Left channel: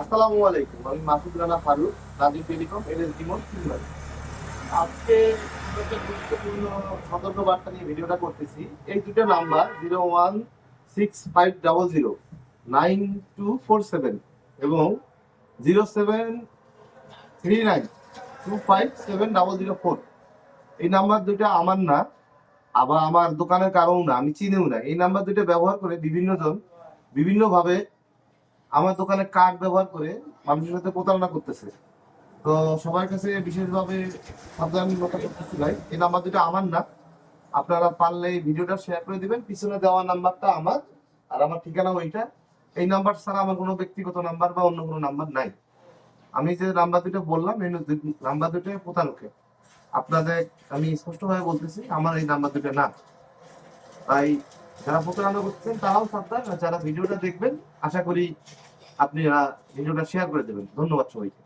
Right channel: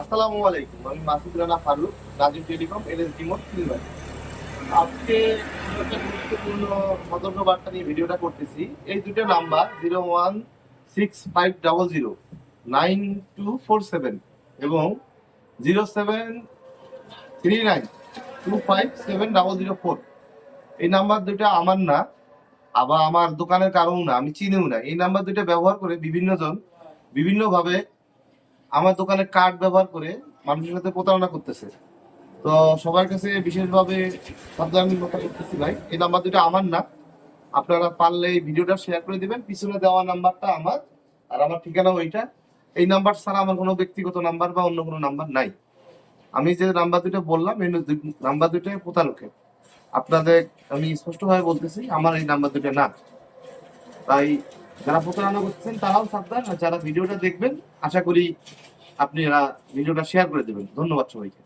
আসসালামু আলাইকুম, আমি Masud Rana Faruk, Rajib telecom L S ডিমোট silver আজকে একটা গুরুত্বপূর্ণ সতর্ক বার্তা নিয়ে ভিডিওটা করতেছি। এই দুটো number, zero one six five double zero, nine two four seven এবং zero seven three nine two five seven double zero four. এই নাম্বার দুটো আমার না, আবার আমার দোকানের কারণ না, আমি চিনিও না। এই নাম্বার দুটো ব্যবহার করে বিভিন্নজন বিভিন্নভাবে আমার দোকানে কার্ড ব্যবহার করে মানুষের সাথে প্রতারণা করতেছে। তো সবার কাছে বিশেষভাবে সাবধানতা করতেছি ভাই। এই নাম্বার দুটো আমার না। আপনারা পারলে এই ভিডিওটা শেয়ার করে দিবেন। পিছনে দেওয়া নাম্বারটা আমার আর আমার ঠিকানা ওইটা। এই নাম্বার ছাড়া আমার কোনো ব্যক্তিগত নাম্বার বা অন্য কোনো নাম্বার নাই। আমি যে নাম্বার দুটো বললাম, এই নাম্বার দুটো প্রতারকের। আপনাদের আমি স্পষ্টভাবে বলতেছি, আমার এই নাম্বার দুটো না। তাই যারা প্রতারণা করছেন, তারাও সাবধান যারা ভিডিওটা দেখবেন, আশা করি আপনি ভিডিওটা শেয়ার করে দেবেন। ধন্যবাদ সবাইকে।